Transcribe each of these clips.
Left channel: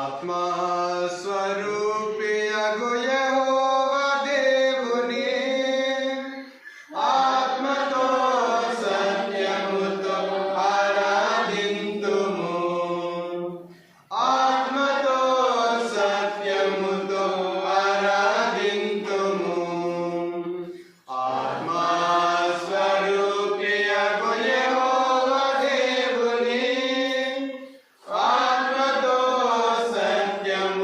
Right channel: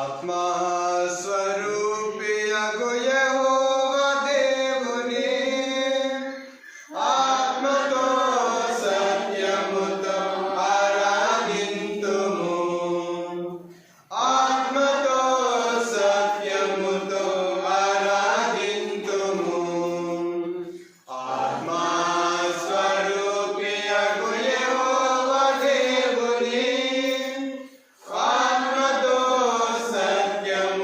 ఆత్మస్వరూపియగు యెహోవా దేవుని ఆత్మతో సత్యముతో ఆరాధింతుము. ఆత్మతో సత్యముతో ఆరాధింతుము. ఆత్మస్వరూపియగు యెహోవా దేవుని ఆత్మతో సత్యము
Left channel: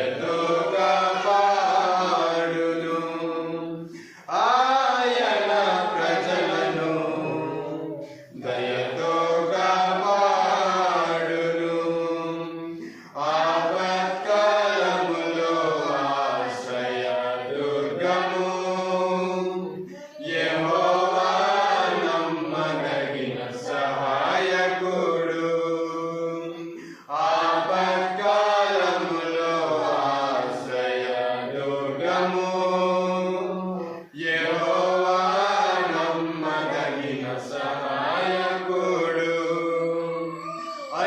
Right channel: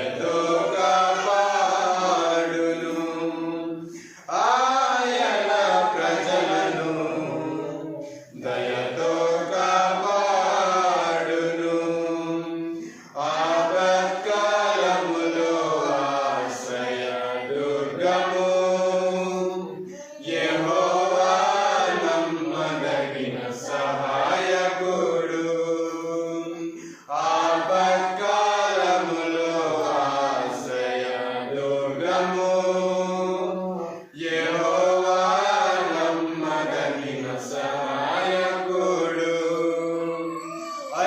దయతో కాపాడును. ఆయన ప్రజలను దయతో కాపాడును. ఆపత్కాలములో ఆశ్రయ దుర్గము యెహోవా నమ్మదగిన సహాయకుడు. ఆపత్కాలములో ఆశ్రయ దుర్గము యెహోవా నమ్మదగిన సహాయకుడు.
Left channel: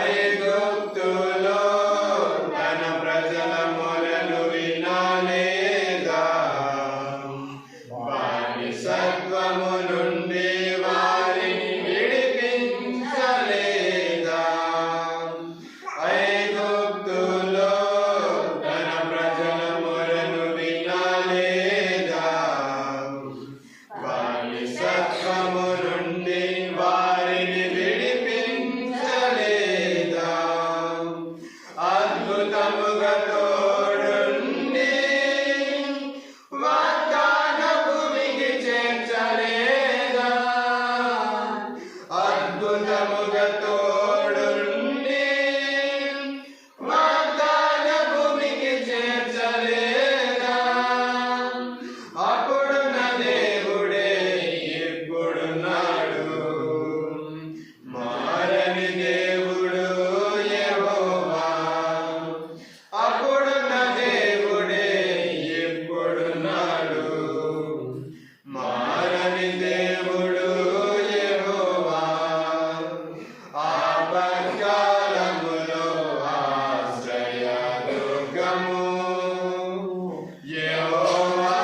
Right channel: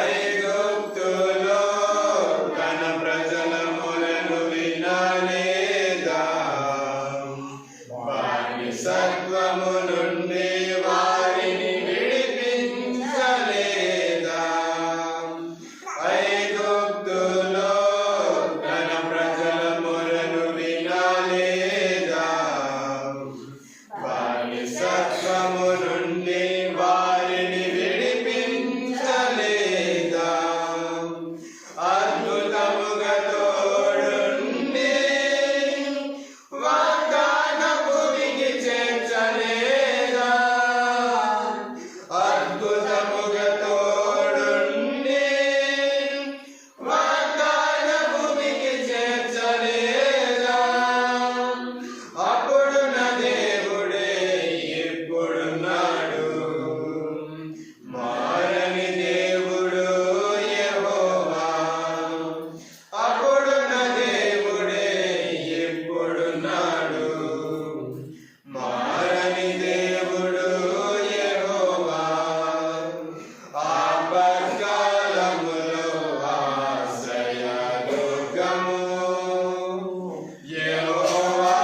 ఐగుప్తులో తన ప్రజల మొరను వినలేదా? బానిసత్వము నుండి వారిని విడిపించలేదా? ఐగుప్తులో తన ప్రజల మొరను వినలేదా? బానిసత్వము నుండి వారిని విడిపించలేదా? అద్భుతముగా తోడుండి వాగ్దాన భూమికి చేర్చలేదా? అద్భుతముగా తోడుండి వాగ్దాన భూమికి చేర్చలేదా? అప్పుడు నా దేవుడే ఇప్పుడున్నాడు. మారని దేవుడు యెహోవా. అప్పుడు నా దేవుడే ఇప్పుడున్నాడు. మారని దేవుడు యెహోవా. ఆపత్కాలములో ఆశ్రయ దుర్గము యెహోవా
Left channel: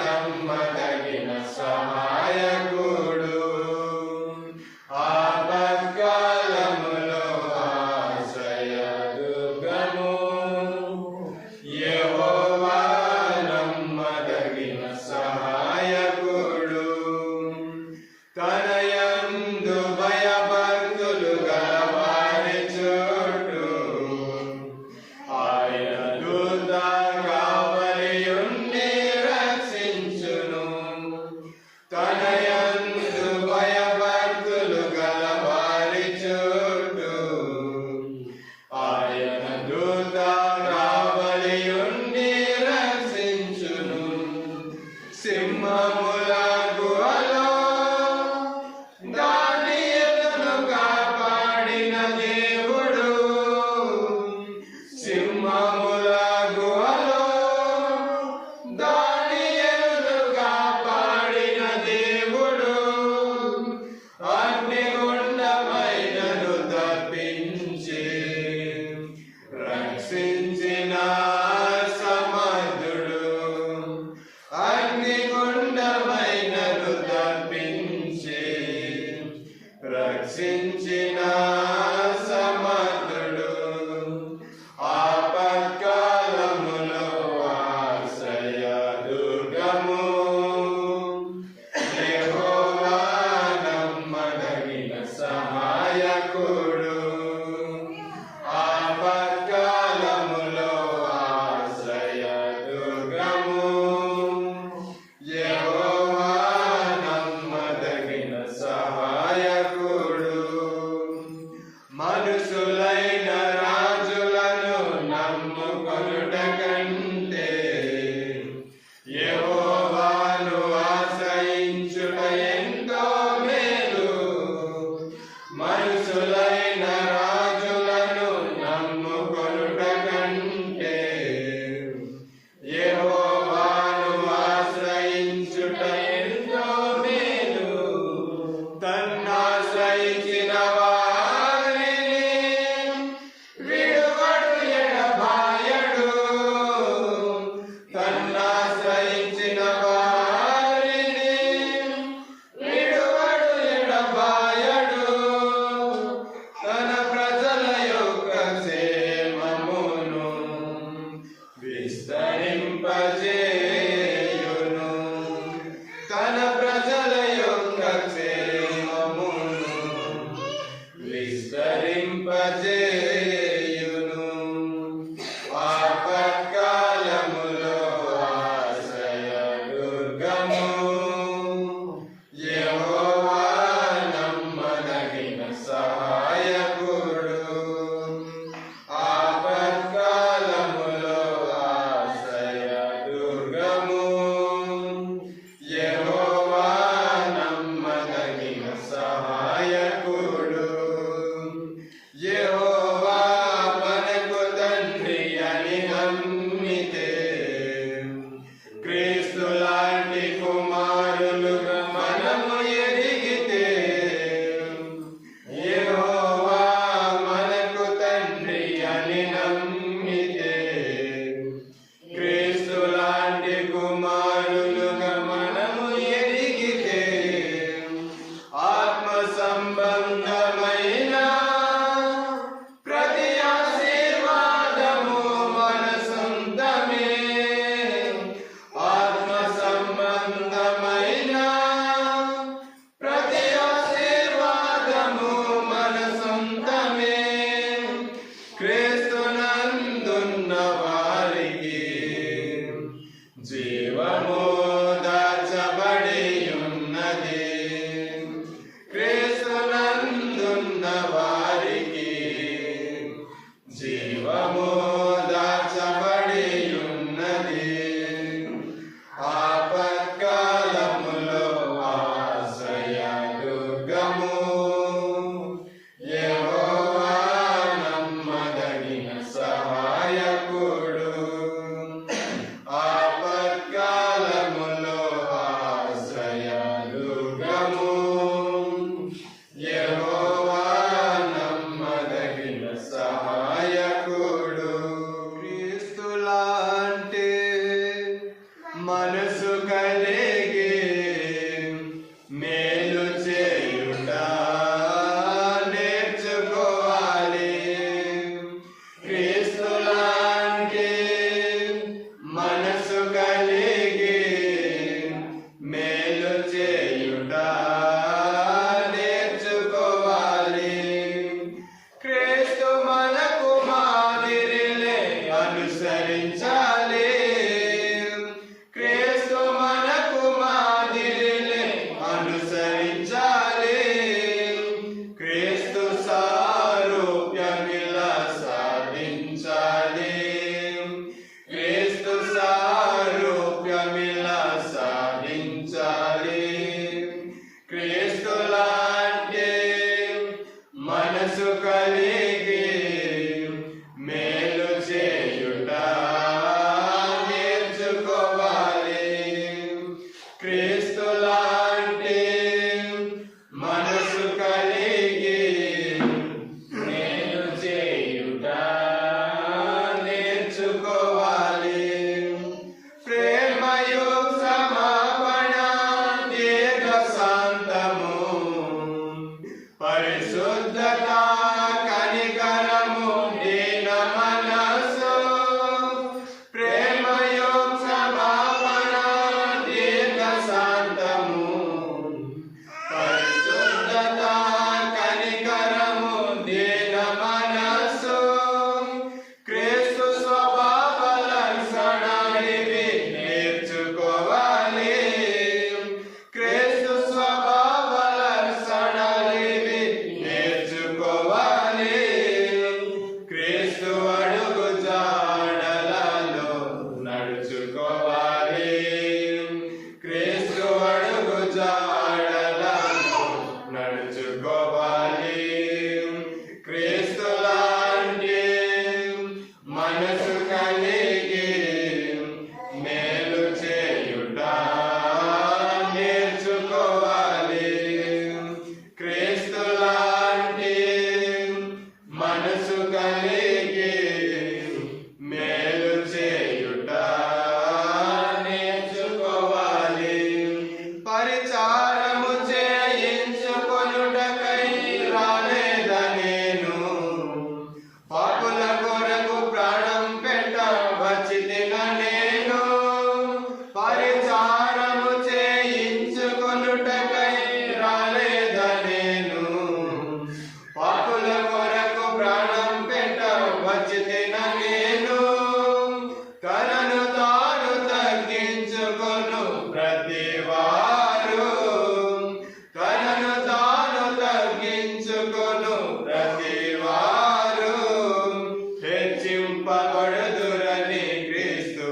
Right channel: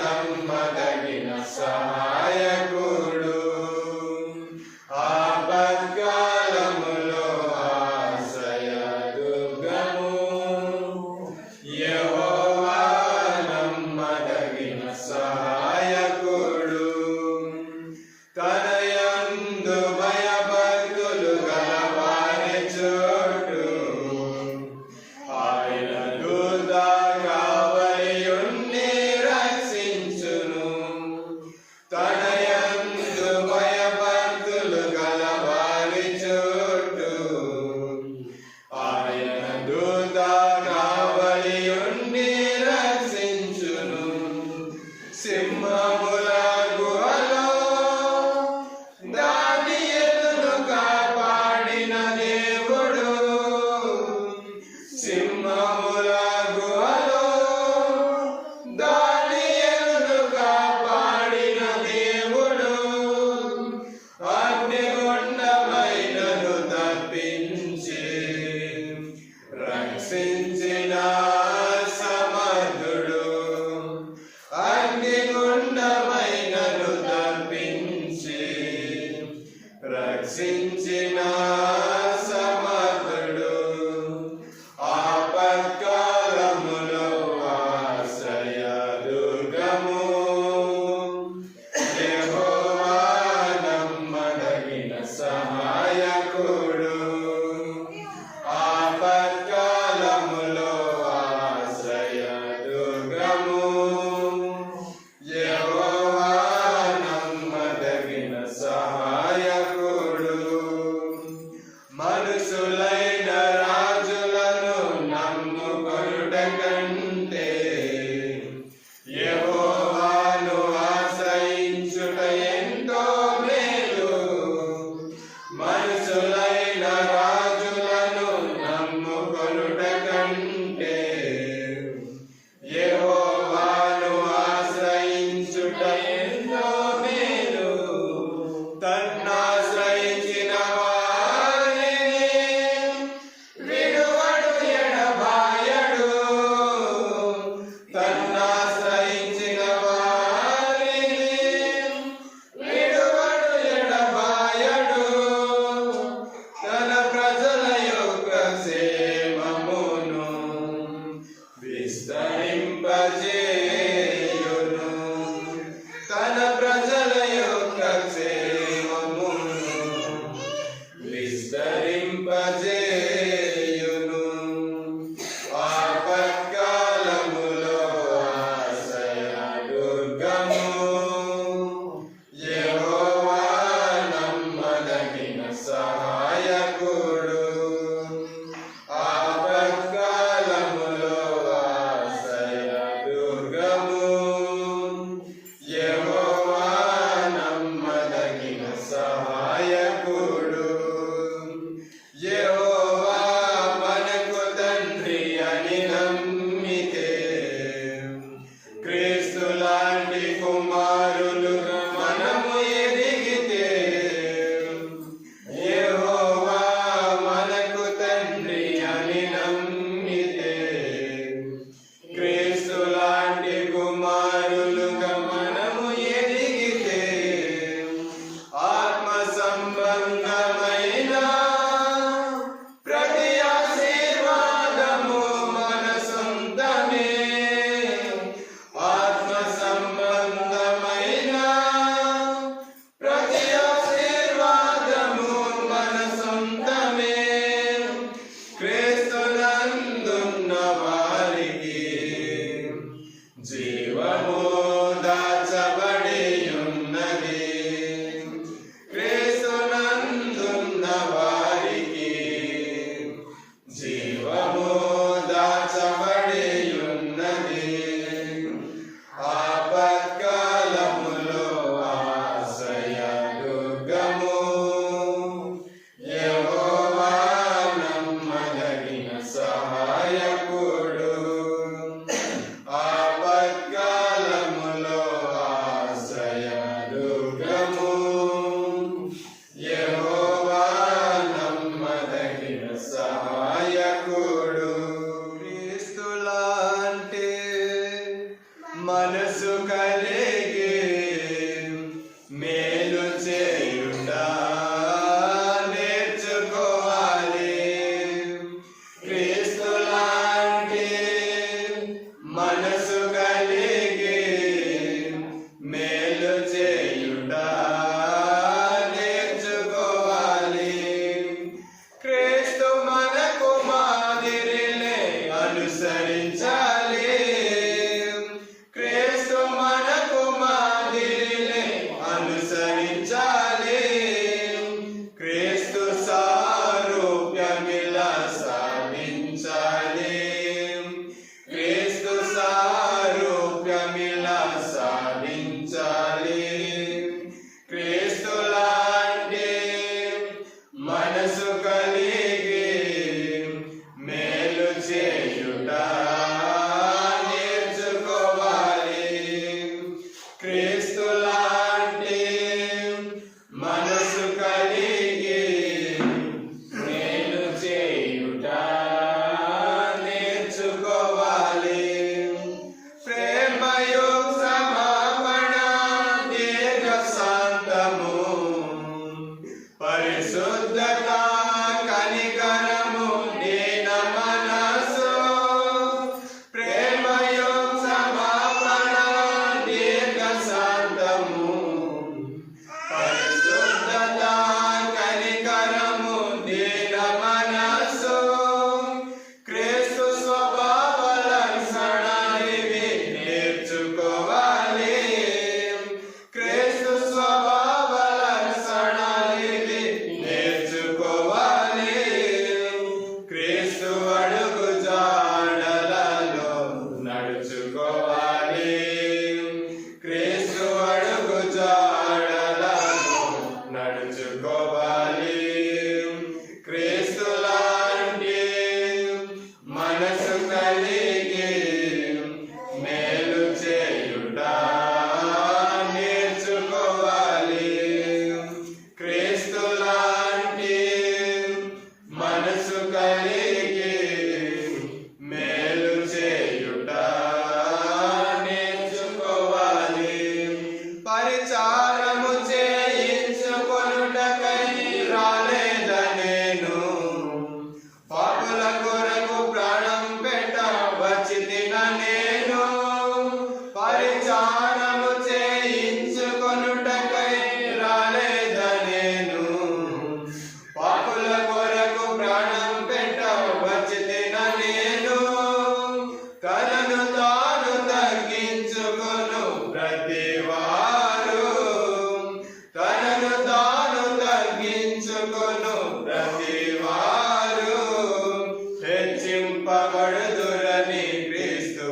నమ్మదగిన సహాయకుడు. ఆపత్కాలములో ఆశ్రయ దుర్గము యెహోవా నమ్మదగిన సహాయకుడు. తన యందు భయభక్తులు గలవారి చుట్టూ ఆయన దూత కావలియుండి రక్షించును. తన యందు భయభక్తులు గలవారి చుట్టూ ఆయన దూత కావలియుండి రక్షించును. సింహముల గుహలో దానియేలును కాపాడిన దేవుడు. సింహముల గుహలో దానియేలును కాపాడిన దేవుడు. అగ్నిగుండమైనను తప్పించి రక్షించిన సమర్థుడు. అగ్నిగుండమైనను తప్పించి రక్షించిన సమర్థుడు. ఆపత్కాలములో ఆశ్రయ దుర్గము యెహోవా నమ్మదగిన సహాయకుడు. ఆపత్కాలములో ఆశ్రయ దుర్గము యెహోవా నమ్మదగిన సహాయకుడు. మనుషులైన రాజులను నమ్ముకొనుట కంటే యెహోవాను ఆశ్రయించుట ఎంతో మేలు. మనుషులైన రాజులను నమ్ముకొనుట కంటే యెహోవాను ఆశ్రయించుట ఎంతో మేలు. తన్నాశ్రయించిన వారిని విడువడు ఎడబాయడు. తన్నాశ్రయించిన వారిని విడువడు ఎడబాయడు. తన ప్రజల యొక్క క్షేమమును విస్తరింపజేయును. తన ప్రజల యొక్క క్షేమమును విస్తరింపజేయును. ఆపత్కాలములో ధరించాలి. క్రీస్తు మనకు మాదిరిని అనుసరించాలి. క్రీస్తు సారూప్యమిలా సాధించాలి. క్రీస్తు సారూప్యమిలా సాధించాలి. క్రీస్తు లాంటి మనసు కలిగి మేలు చేయుట నేర్చుకోవాలి. క్రీస్తు లాంటి మనసు కలిగి మేలు చేయుట నేర్చుకోవాలి. ప్రేమయు క్షమాపణ దీర్ఘ శాంతము పరిశుద్ధత కనికరము దీన మనసు. ప్రేమయు క్షమాపణ దీర్ఘ శాంతము పరిశుద్ధత కనికరము దీన మనసు. క్రీస్తు స్వభావ లక్షణాలివి నేర్చుకోవాలి. క్రీస్తు స్వభావ లక్షణాలివి నేర్చుకోవాలి. క్రీస్తు అడుగు జాడలలో నడుచుకోవాలి. క్రీస్తు అడుగు జాడలలో నడుచుకోవాలి. క్రీస్తు లాంటి మనసు కలిగి మేలు చేయుట నేర్చుకోవాలి. క్రీస్తు లాంటి మనసు కలిగి మేలు చేయుట నేర్చుకోవాలి. పరిచారము చేయించుకొనుటకై రాలేదనేను, పాపుల కొరకు ప్రాణం పెట్ట వచ్చితిన నేను. పరిచారము చేయించుకొనుటకై రాలేదనేను, పాపుల కొరకు ప్రాణం పెట్ట వచ్చితిన నేను. తనను తాను తగ్గించుకొను ప్రతివారు, తనను తాను తగ్గించుకొను ప్రతివారు హెచ్చింపబడుదురని క్రీస్తు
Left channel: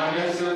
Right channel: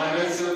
మనసు